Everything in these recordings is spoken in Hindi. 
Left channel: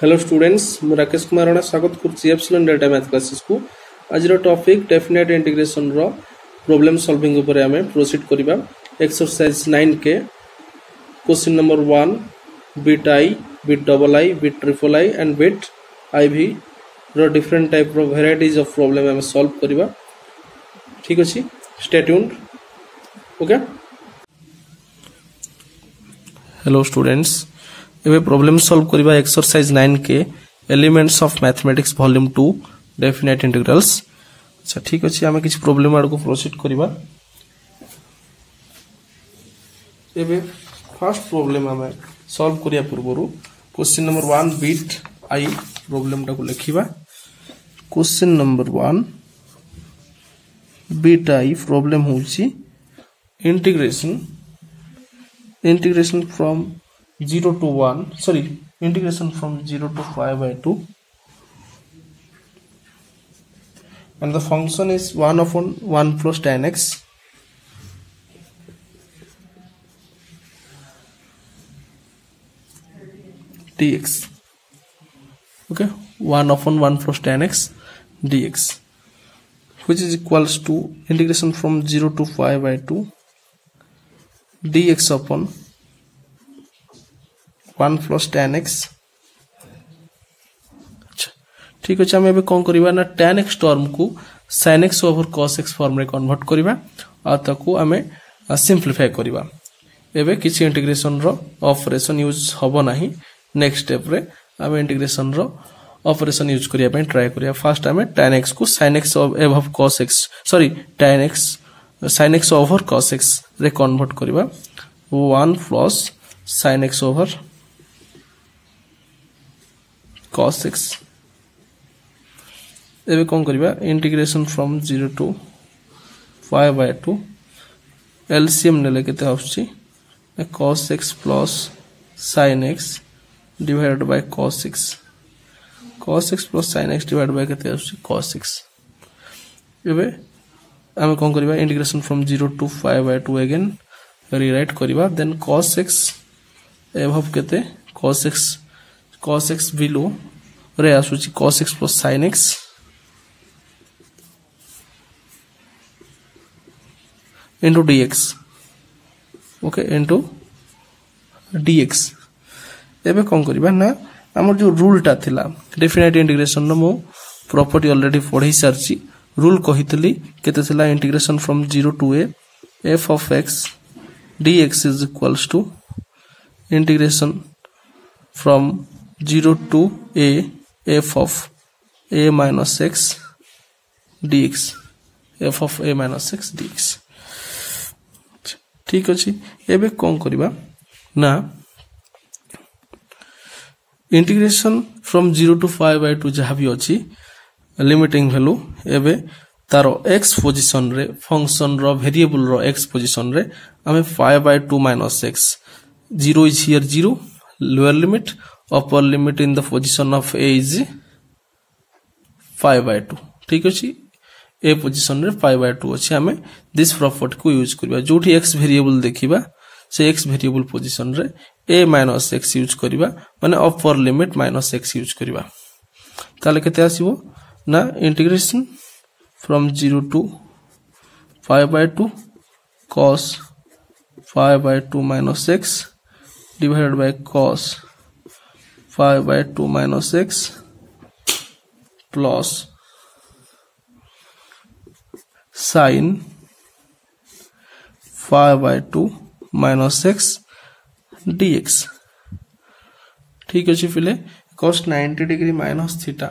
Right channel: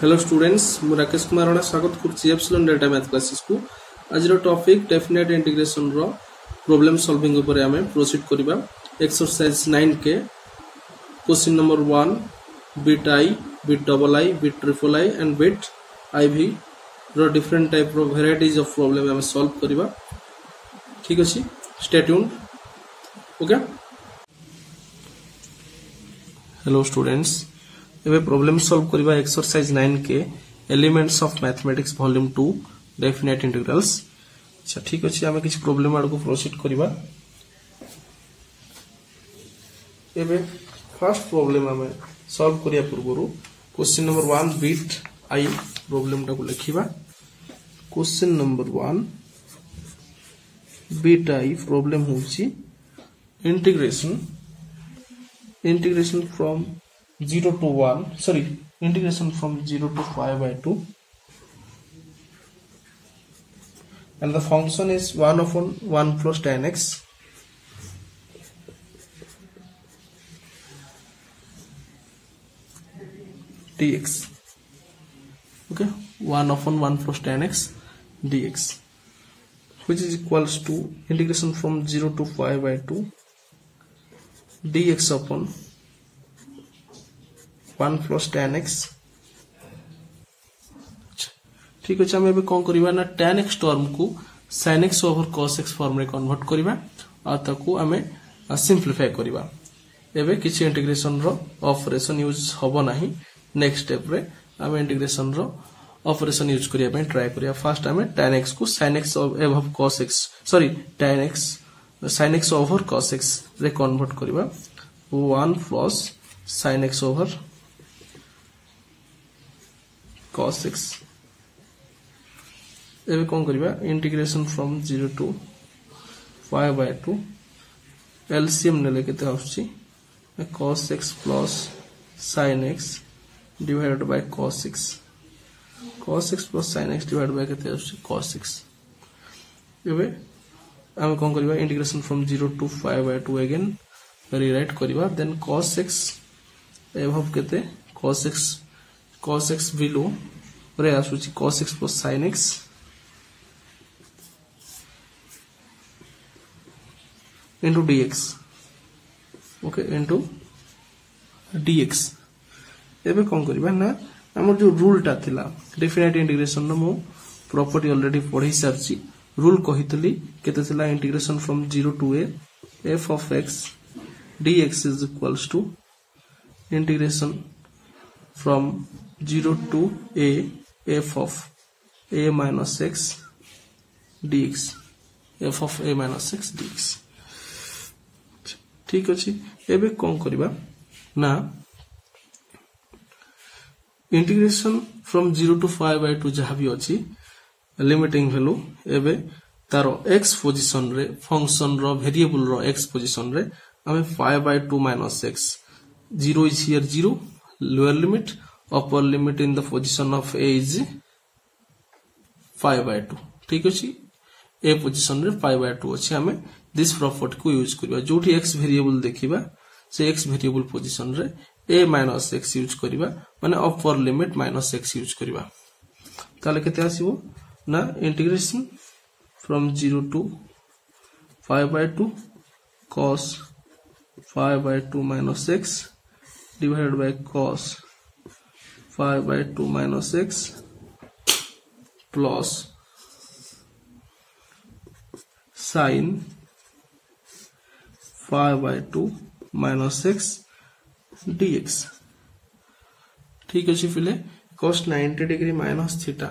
हेलो स्टूडेंट्स मु राकेश कुमार राणा स्वागत करछि एप्सिलॉन डेटा मैथ क्लासेस को। आज रो टॉपिक डेफिनेट इंटीग्रेशन रो प्रॉब्लम सॉल्विंग ऊपर हमें प्रोसीड करिबा। एक्सरसाइज 9 के question number 1 bit I, bit double I, bit triple I and bit IV रो डिफरेंट टाइप रो वेराइटीज ऑफ प्रॉब्लम हमें सॉल्व करिबा। ठीक अछि, stay tuned. Okay, hello students, एबे प्रॉब्लम सॉल्व करिबा एक्सरसाइज 9 के elements of mathematics volume 2 definite integrals. अच्छा ठीक अछि, हमें किछ प्रॉब्लम आड़ को प्रोसीड करिबा। एबे फर्स्ट प्रॉब्लम हमें सॉल्व करिया पूर्वरु question number 1 bit I problem टा को लिखिबा। Question number 1 bit I problem होछि integration from 0 to 1, sorry, integration from 0 to 5/2, and the function is 1 upon 1 plus tan x dx. Okay, 1 upon 1 plus tan x dx, which is equals to integration from 0 to 5/2 dx upon 1 plus tan x। ठीक अच्छे, हमें कौन करिबा ना tan x टर्म को sin x over cos x form रे कन्वर्ट करिबा आ ताको हमें सिंप्लीफाई करिबा। एबे किछि इंटीग्रेशन रो ऑपरेशन यूज हबो नाही। नेक्स्ट स्टेप रे हमें इंटीग्रेशन रो ऑपरेशन यूज करिया पे ट्राई करिया। फर्स्ट हमें tan x को sin x over cos x, sorry tan x sin x over cos x रे कन्वर्ट करिबा। 1 plus sin x over cos x। एबे कौन करिबा इंटीग्रेशन फ्रॉम 0 to 5/2 एलसीएम नेले केते आउछि cos x plus sin x divided by cos x। cos x plus sin x divided by केते आउछि cos x। एबे हम कौन करिबा integration from 0 to 5/2 again rewrite करिबा। देन cos x एबव केते cos x बिलो रे आसुची cos x plus sin x into dx। Okay, into dx। एबे कौन करिबा ना हमर जो रूल टा थिला डेफिनेट इंटीग्रेशन नो मो प्रॉपर्टी ऑलरेडी पढ़ी सारची। रूल कहितली केते थिला integration from 0 to a f of x dx is equals to integration from 0 to a f of a minus x dx, f of a minus x dx। ठीक अछि, एबे कौन करिबा ना इंटीग्रेशन फ्रॉम 0 to 5/2 जहा भी अछि लिमिटिंग वैल्यू एबे तारो x पोजीशन रे फंक्शन रो वेरिएबल रो x पोजीशन रे हमें 5/2 minus x, 0 is here 0, lower limit, upper limit in the position of a is 5/2। ठीक अछि, a पोजीशन रे 5/2 अछि। हमें दिस प्रॉपर्टी को यूज करबा। जोठी x वेरिएबल देखिबा से x वेरिएबल पोजीशन रे a minus x यूज करबा, माने upper limit minus x use करबा। ताले केते आसीबो ना integration from 0 to 5/2 cos 5/2 minus x divided by cos 5/2 minus x plus sin 5/2 minus x dx। ठीक अछि, फिले cos 90 degree minus theta,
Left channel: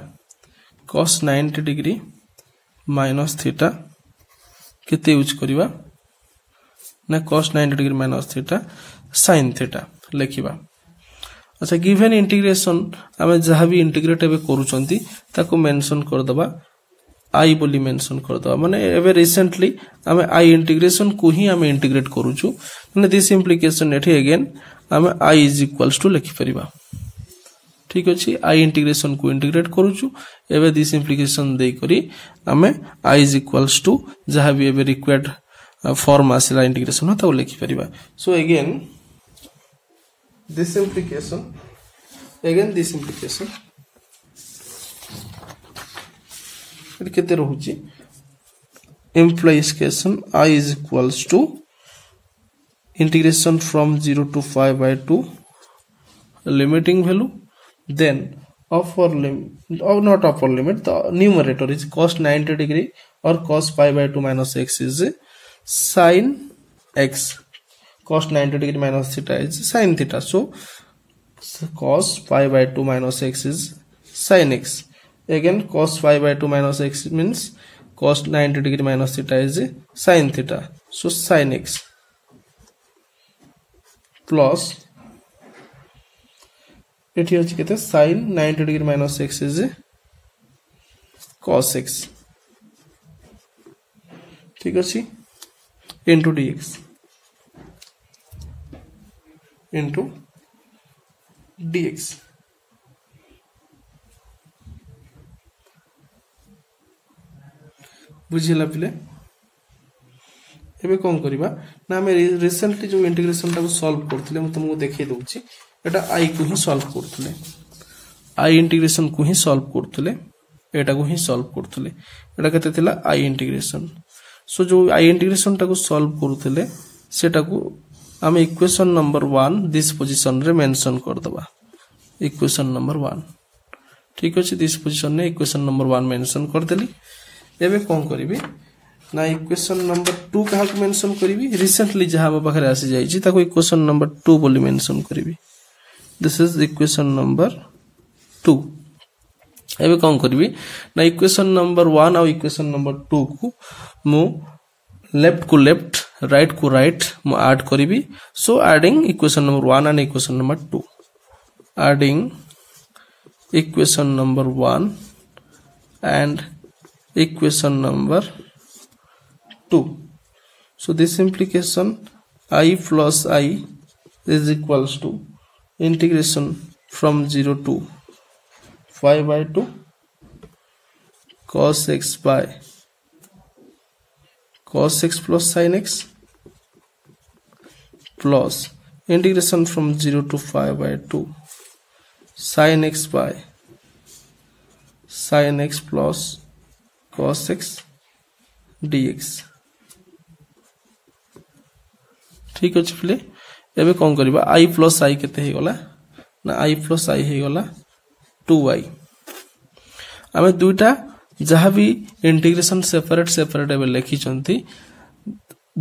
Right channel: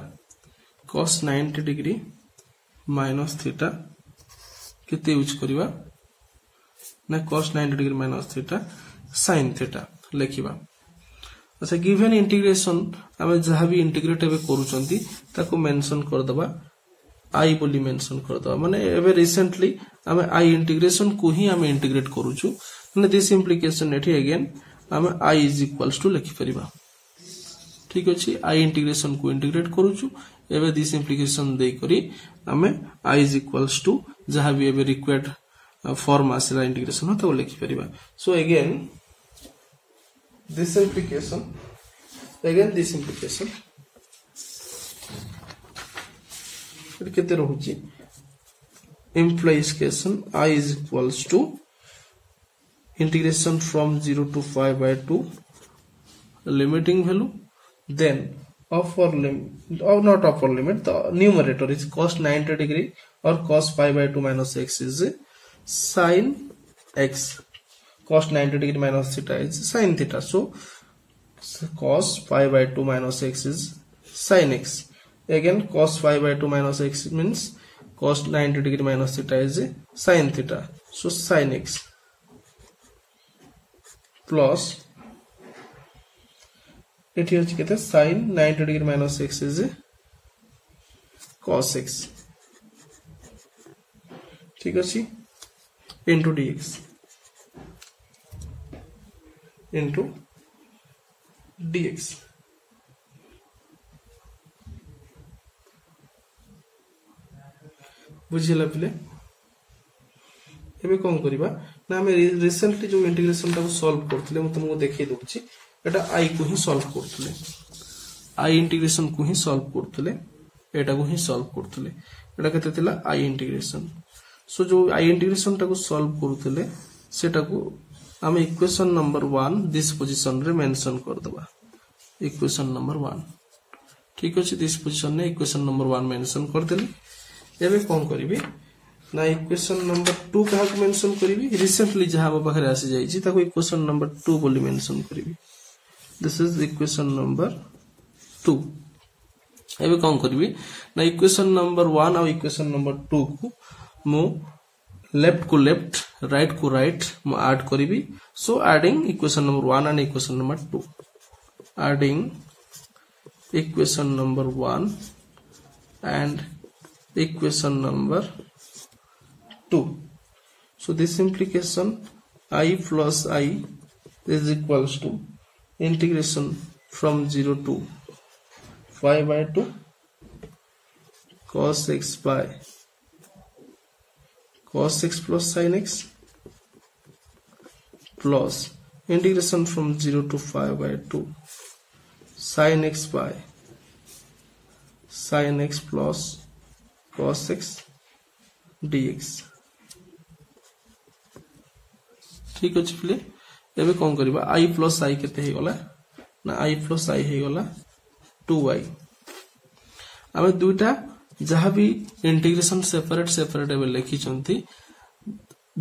cos 90 degree minus theta केते यूज करिबा ना cos 90 degree minus theta sin theta लिखिबा। अच्छा, गिवन इंटीग्रेशन हमें जहाँ भी इंटीग्रेट एबे करूचंती ताको मेंशन कर दबा आई बोली मेंशन कर दबा। माने एबे रिसेंटली हमें आई इंटीग्रेशन को ही हमें इंटीग्रेट करूछु, माने दिस इंप्लिकेशन एठी अगेन हमें आई इज इक्वल्स टू लिखि परिबा। ठीक अछि, आई इंटीग्रेशन को इंटीग्रेट करूछु, एबे दिस इंप्लिकेशन दे करी हमें आई इज इक्वल्स टू जहाँ भी एबे रिक्वायर्ड फॉर्म आसिला इंटीग्रेशन ताको लिखि परिबा। So again this implication again this implication it केते रहउची implication I is equals to integration from 0 to 5/2 limiting value, then upper limit or not upper limit, the numerator is cos 90 degree or cos pi/2 minus x is sin x. Cos 90 degree minus theta is sin theta, so cos pi/2 minus x is sin x. Again cos pi/2 minus x means cos 90 degree minus theta is sin theta, so sin x plus it here कहते sin 90 degree minus x is cos x, ठीक अच्छी, into dx into dx. बुझिला पिले एबे कोन करिबा ना हम रिसेंटली जो इंटीग्रेशन टा सॉल्व करथिले हम तुमको देखै दोछि एटा आई को ही सॉल्व करथिले, आई इंटीग्रेशन को ही सॉल्व करथिले, एटा को ही सॉल्व करथिले, एटा केते थिला आई इंटीग्रेशन. सो जो आई इंटीग्रेशन टा को सॉल्व करथिले सेटा को हम इक्वेशन नंबर 1 दिस पोजीशन रे मेंशन कर दबा, इक्वेशन नंबर 1, ठीक अछि. दिस पोजीशन रे इक्वेशन नंबर 1 मेंशन कर देली. एबे कोन करिवि ना इक्वेशन नंबर 2 कहा मेंशन करिवि, रिसेंटली जहां पाखरे आसी जाई छी ताको इक्वेशन नंबर 2 बोली मेंशन करिवि. This is equation number 2. एबे कोन करिवि ना इक्वेशन नंबर 1 और इक्वेशन नंबर 2 को मु लेफ्ट को लेफ्ट राइट को राइट मु ऐड करिवि. So adding equation number 1 and equation number 2, adding equation number 1 and equation number 2. So this implication I plus I is equals to integration from 0 to 5/2 cos x by cos x plus sin x plus integration from 0 to 5/2 sin x by sin x plus cos x dx. ठीक अछि फिले एबे कोन करबा i plus i केते हे गला ना i plus i हे गला 2i. आमे दुटा जहां भी इंटीग्रेशन सेपरेट सेपरेट एबे लिखि चंती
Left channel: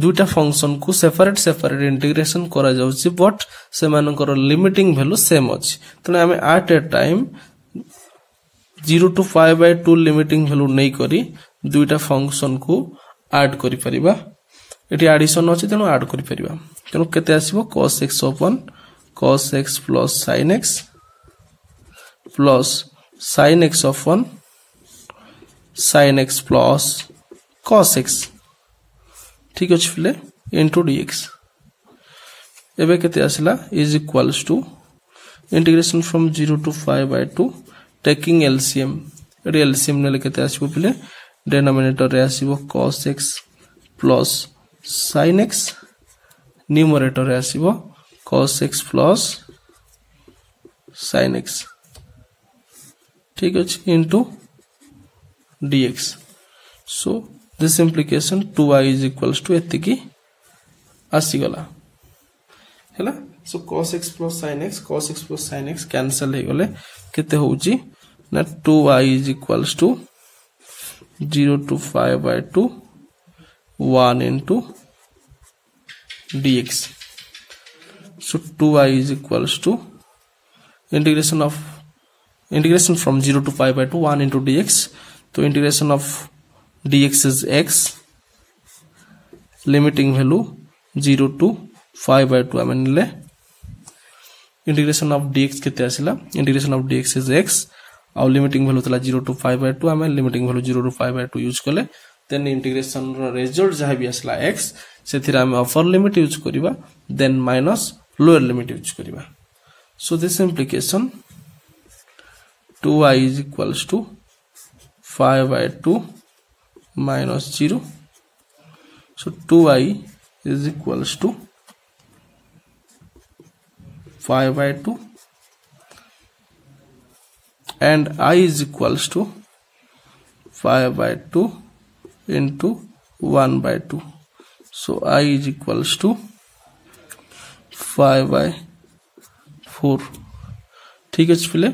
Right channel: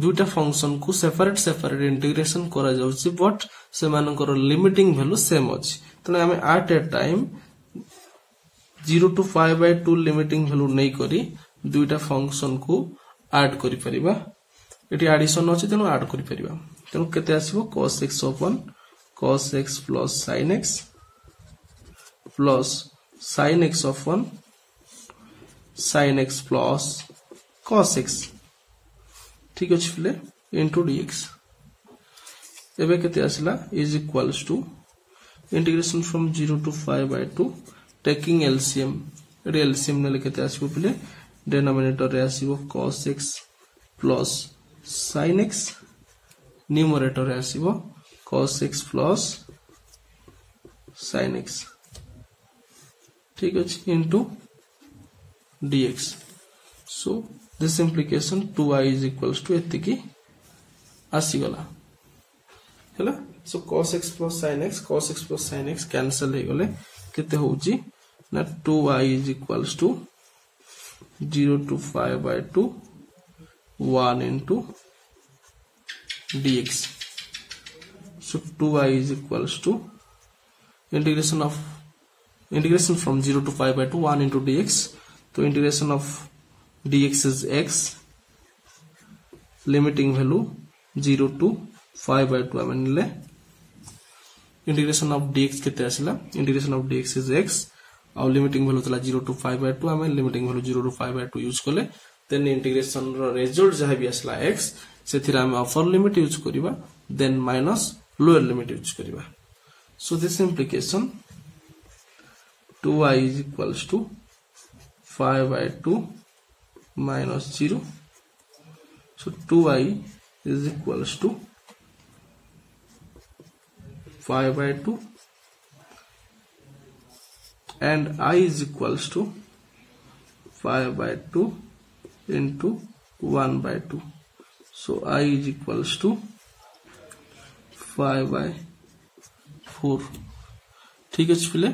दुटा फंक्शन को सेपरेट सेपरेट इंटीग्रेशन करा जाउची, बट से मानकर लिमिटिंग वैल्यू सेम अछि. तने आमे at a time 0 to 5/2 limiting value नै करी दुटा फंक्शन को ऐड करि परिबा. एटी एडिशन अछि तेनो ऐड करि परिबा. तेनो केते आसीबो cos x upon cos x plus sin x plus sin x upon sin x plus cos x, ठीक अछि फिले into dx. एबे केते आसला is equals to integration from 0 to 5/2 taking LCM. Eighty LCM ने केते आसीबो फिले डिनोमिनेटर रे आसीबो cos x plus sin x, numerator रे आसीबो cos x plus sin x, ठीक अछि, into dx. So this implication 2i is equals to एतिकी आसी गला हैला. So cos x plus sin x cancel हे गले केते होउची ना 2i is equals to 0 to 5/2 1 into dx. So 2i is equals to integration from 0 to 5/2 1 into dx. So integration of dx is x, limiting value 0 to 5/2 आमे ले. इंटीग्रेशन ऑफ dx केते आसिला, integration of dx is x और लिमिटिंग वैल्यू तला 0 to 5/2 आमे लिमिटिंग वैल्यू 0 to 5/2 यूज करले. देन इंटीग्रेशन रो रिजल्ट जहा भी आसला x सेथिरा आमे अपर लिमिट यूज करिबा, then minus lower limit use करिबा. So this implication 2i is equals to 5/2 minus 0. So 2i is equals to 5/2 and I is equals to 5/2 into 1/2. So I is equals to 5/4. ठीक है पिले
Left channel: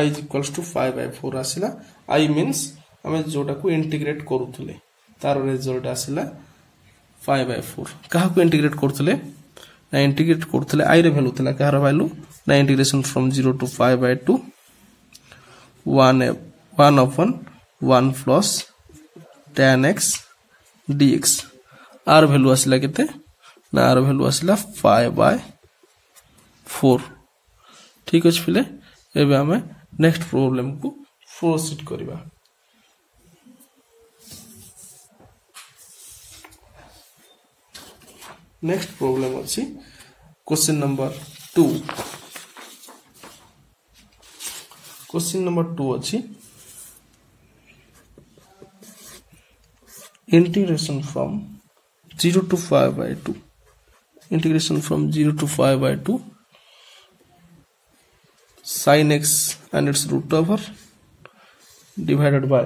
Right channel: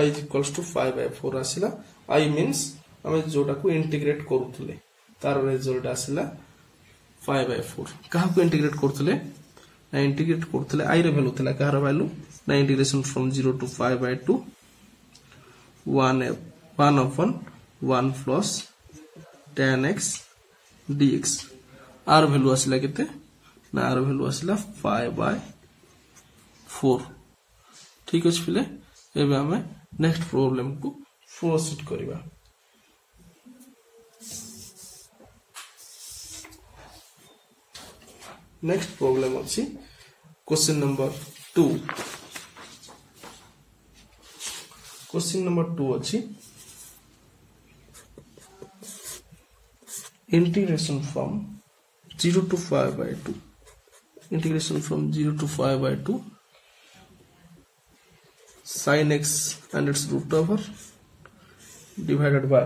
I is equals to 5/4 आसिला. I means आमे जोटा को इंटीग्रेट करूथले तार रिजल्ट आसिला 5/4. कहा को इंटीग्रेट करथले ना इंटीग्रेट करथले I रे वैल्यू थला कहार वैल्यू ना integration from 0 to 5/2 1/1 plus tan x dx. आर वैल्यू आसिला केते ना आर वैल्यू आसिला 5/4. ठीक अछि पिले एबे हमें नेक्स्ट प्रॉब्लम को प्रोसीड करिबा. नेक्स्ट प्रॉब्लम अछि क्वेश्चन नंबर 2. क्वेश्चन नंबर 2 अछि integration from 0 to 5/2. Integration from 0 to 5/2 sin x and its root over divided by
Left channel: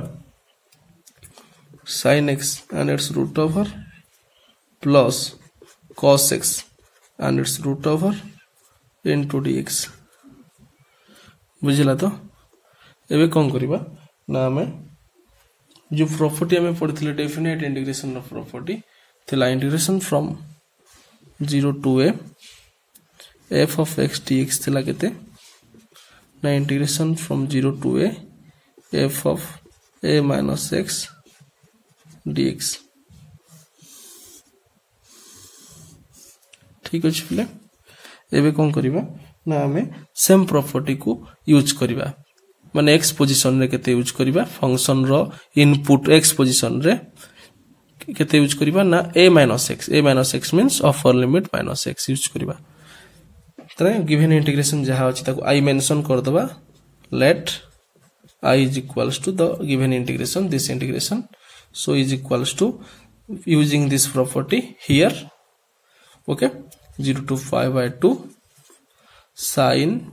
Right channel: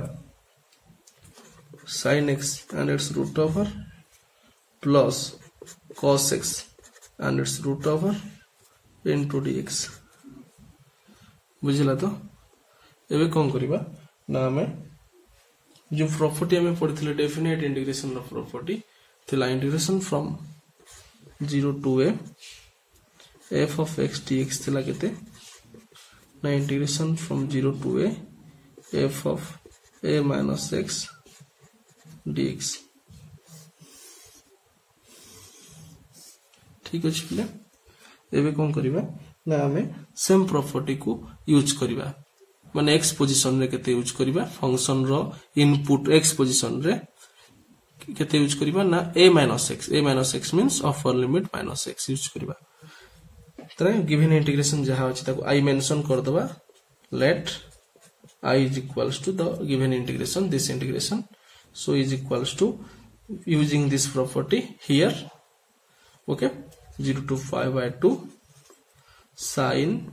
sin x and its root over plus cos x and its root over into dx. बुझिला तो एबे कोन करिबा ना हमें जो प्रॉपर्टी हमें पढ़िथिले डेफिनेट इंटीग्रेशन ऑफ प्रॉपर्टी थिला integration from 0 to a f of x dx थिला केते ना integration from 0 to a f of a minus x dx. ठीक अछि पिले एबे कोन करिबा ना हमें सेम प्रॉपर्टी को यूज करिबा माने x पोजीशन रे केते यूज करिबा फंक्शन रो इनपुट x पोजीशन रे केते यूज करिबा ना a minus x means upper limit minus x use करिबा. तरे गिवन इंटीग्रेशन जहा अछि ताको I मेंशन कर दबा. Let I is equals to the given integration, this integration, so is equals to using this property here. Okay, 0 to 5/2 sin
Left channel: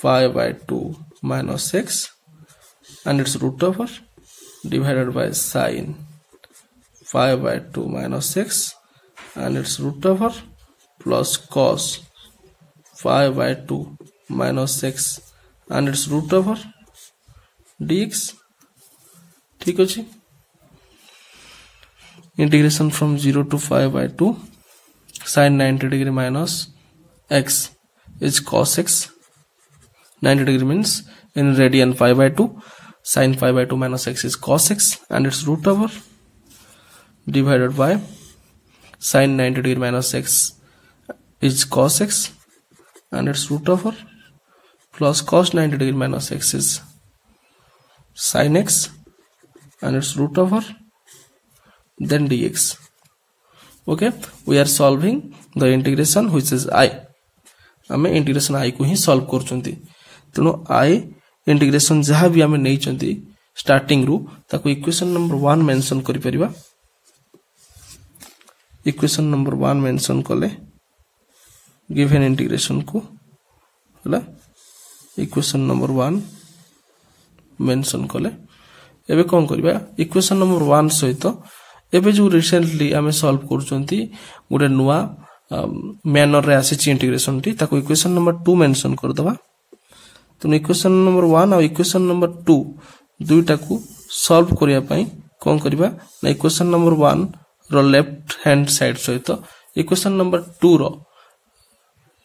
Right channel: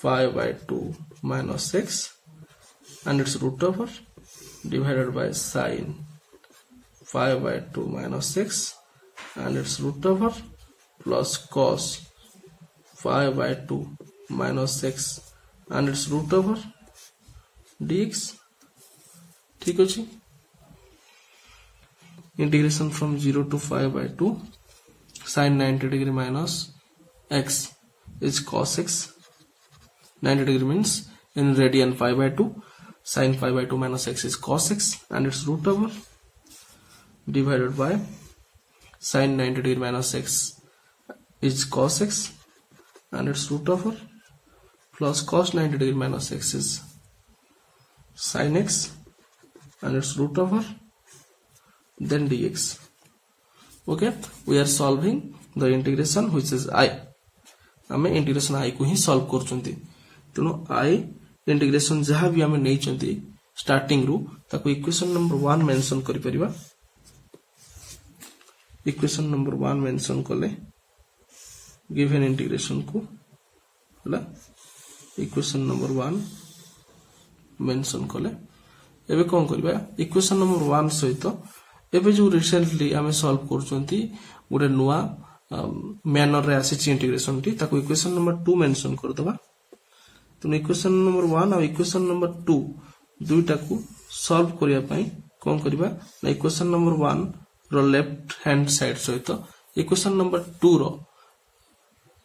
5/2 minus x and its root over divided by sin 5/2 minus x and its root over plus cos 5/2 minus x and its root over dx. ठीक अछि. Integration from 0 to 5/2 sin 90 degree minus x is cos x. 90 degree means in radian 5/2 sin 5/2 minus x is cos x and its root over divided by sin 90 degree minus x is cos x and its root over plus cos 90 degree minus x is sin x and its root over then dx. Okay, we are solving the integration which is I. हमें इंटीग्रेशन I को ही सॉल्व करचंती. तेनो I इंटीग्रेशन जहाँ भी हमें नहीं चंती स्टार्टिंग रु ताको इक्वेशन नंबर 1 मेंशन करि परिबा. इक्वेशन नंबर 1 मेंशन कले गिवन इंटीग्रेशन को हला इक्वेशन नंबर 1 मेंशन कले एबे कोन करबा इक्वेशन नंबर 1 सहित एबे जो रिसेंटली हमें सॉल्व करचंती गोटे नुवा मैनर रे आसी इंटीग्रेशन टी ताको इक्वेशन नंबर 2 मेंशन कर दबा. तो इक्वेशन नंबर 1 और इक्वेशन नंबर 2 दुईटा को सॉल्व करिया पई कोन करबा ना इक्वेशन नंबर 1 रो लेफ्ट हैंड साइड सहित इक्वेशन नंबर 2 रो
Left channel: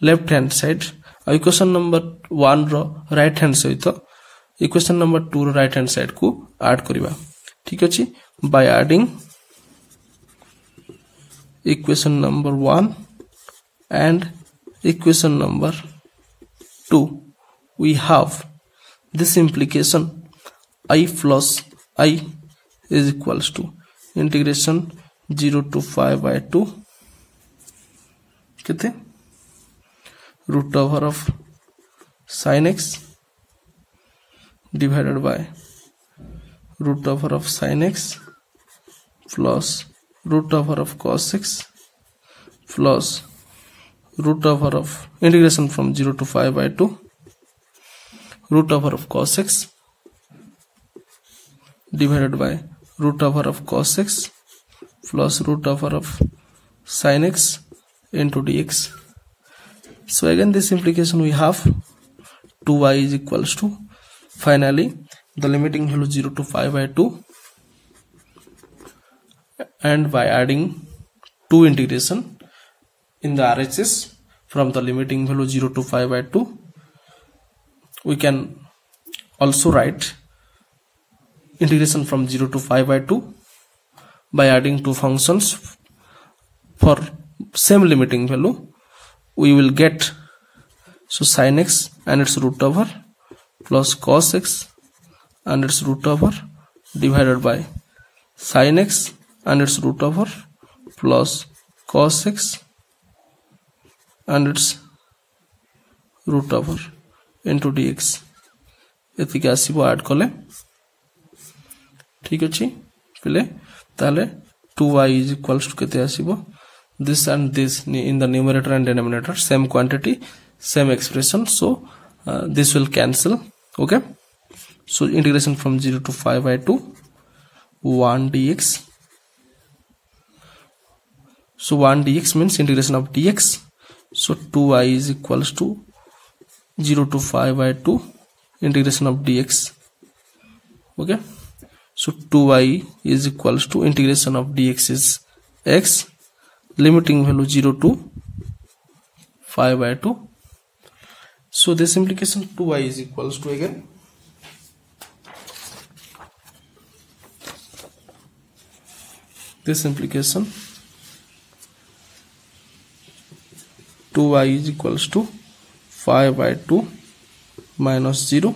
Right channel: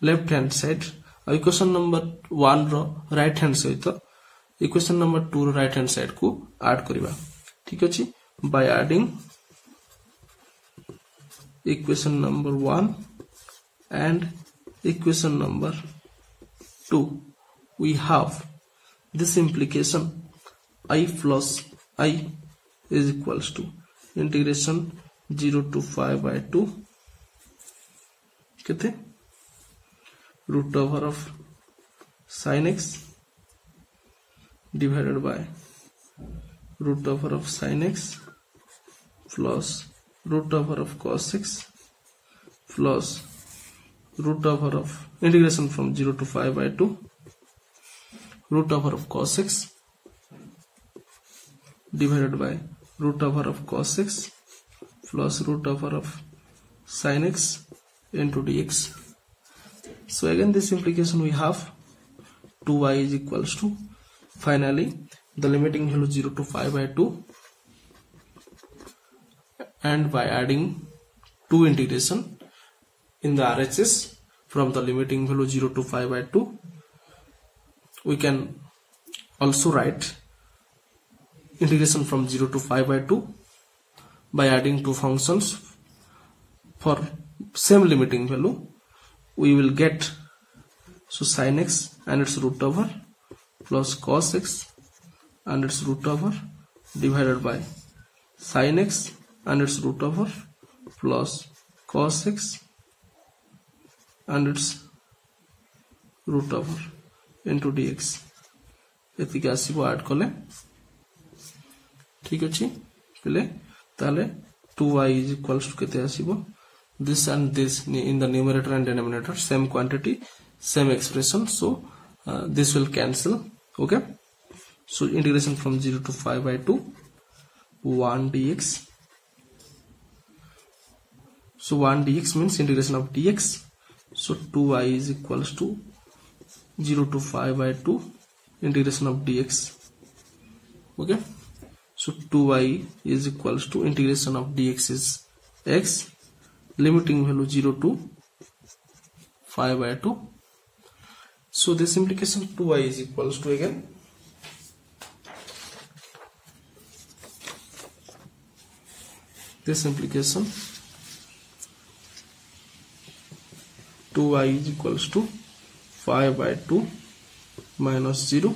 लेफ्ट हैंड साइड और इक्वेशन नंबर 1 रो राइट हैंड सहित इक्वेशन नंबर 2 रो राइट हैंड साइड को ऐड करबा. ठीक अछि. By adding equation number 1 and equation number 2 we have this implication I plus I is equals to integration 0 to 5/2 कितने root over of sin x divided by root over of sin x plus root over of cos x plus root over of integration from 0 to 5/2 root over of cos x divided by root over of cos x plus root over of sin x into dx. So again this implication we have 2y is equals to, finally the limiting value 0 to 5 by 2, and by adding 2 integration in the RHS from the limiting value 0 to 5 by 2, we can also write integration from 0 to 5 by 2 by adding 2 functions for same limiting value. We will get, so sin x and its root over plus cos x and its root over divided by sin x and its root over plus cos x and its root over into dx. एतिक आसीबो ऐड कले ठीक अछि पिले ताले 2y is equals to केते आसीबो this and this in the numerator and denominator, same quantity same expression, so this will cancel. Okay, so integration from 0 to 5 by 2 1 dx. So 1 dx means integration of dx, so 2y is equals to 0 to 5 by 2 integration of dx. Okay, so 2y is equals to integration of dx is x, limiting value 0 to 5 by 2. So this implication 2y is equals to, again this implication 2y is equals to 5 by 2 minus 0.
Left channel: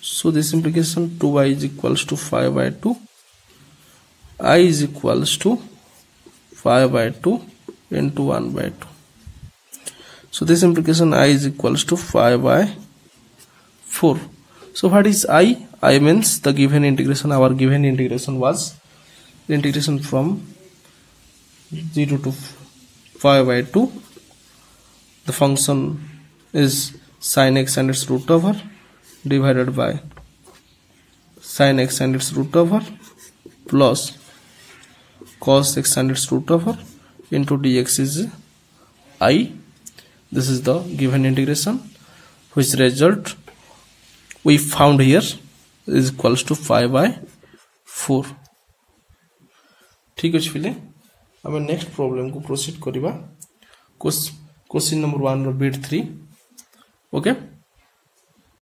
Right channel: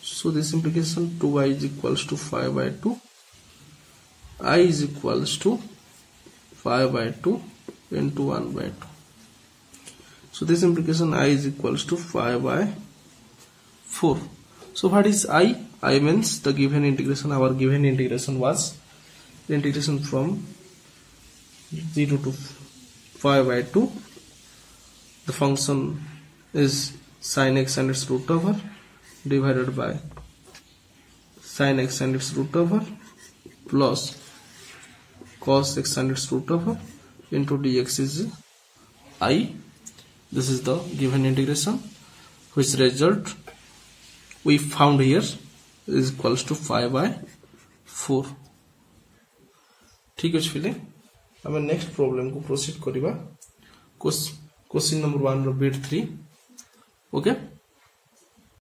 So this implication 2y is equals to 5 by 2, I is equals to 5 by 2 into 1 by 2. So this implication I is equals to 5 by 4. So what is I? I means the given integration. Our given integration was the integration from 0 to 5 by 2. The function is sin x and its root over divided by sin x and its root over plus cos x and its root over into dx is I. This is the given integration, which result we found here is equals to 5 by 4. ठीक अछि फिले हम नेक्स्ट प्रॉब्लम को प्रोसीड करिबा क्वेश्चन नंबर 1 रो बिट 3. ओके